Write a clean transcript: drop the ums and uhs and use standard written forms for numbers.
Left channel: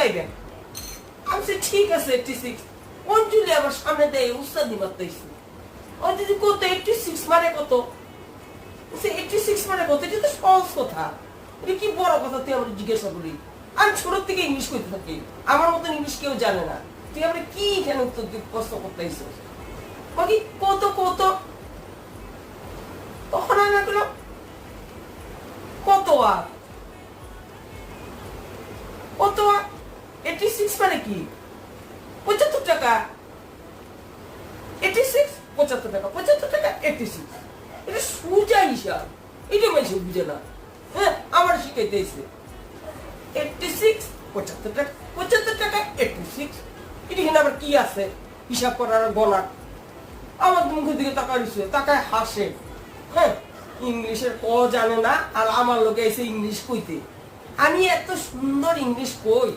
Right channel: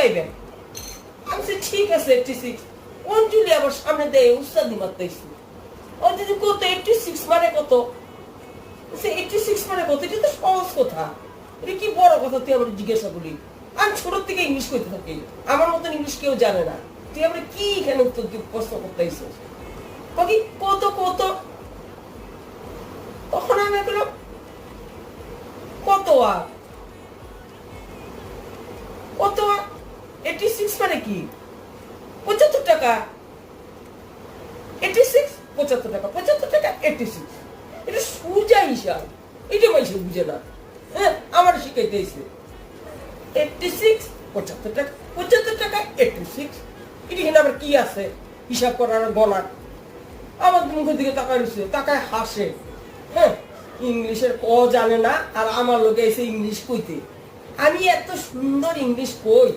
পাইবেন। আমি ঠিক আছে 86। অঞ্জলি আবার সামনে দেয় উস্তাদি মারতেছি। অঞ্জলি কত 86 মানে কত? 86 মানে কত? এটা তো সহজ কথা, এটা কি বড় কথা তুই আবার জিজ্ঞাসা করি? আমি ছোট থেকে ইংলিশ করতে থাকি, আমার মতন ইংলিশ কেউ জানে না। তুই আবার কি এখানে উত্তর প্রশ্ন করতেছিস? কত কত? তখন আমি বললাম কত আর কত? 86 মানে কি? 75 টাকা। 86 75 টাকা, 75 টাকা 86। এটা সোজা হিসাব, এটা মাইসে বুঝে না। হ্যাঁ, আমার শিখাইতেছে 86 75 টাকা, 75 টাকা 86। এটা কিনা আবার কি আছে হিসাব করার গণার? আমার মুখের দিকে তাকাইছে, তাকায় হাসে। হ্যাঁ, ইংলিশের ক জানে না আর আমার লোকে এসে ইংলিশ কইতে। আমি এত সুন্দর ইংলিশ কই,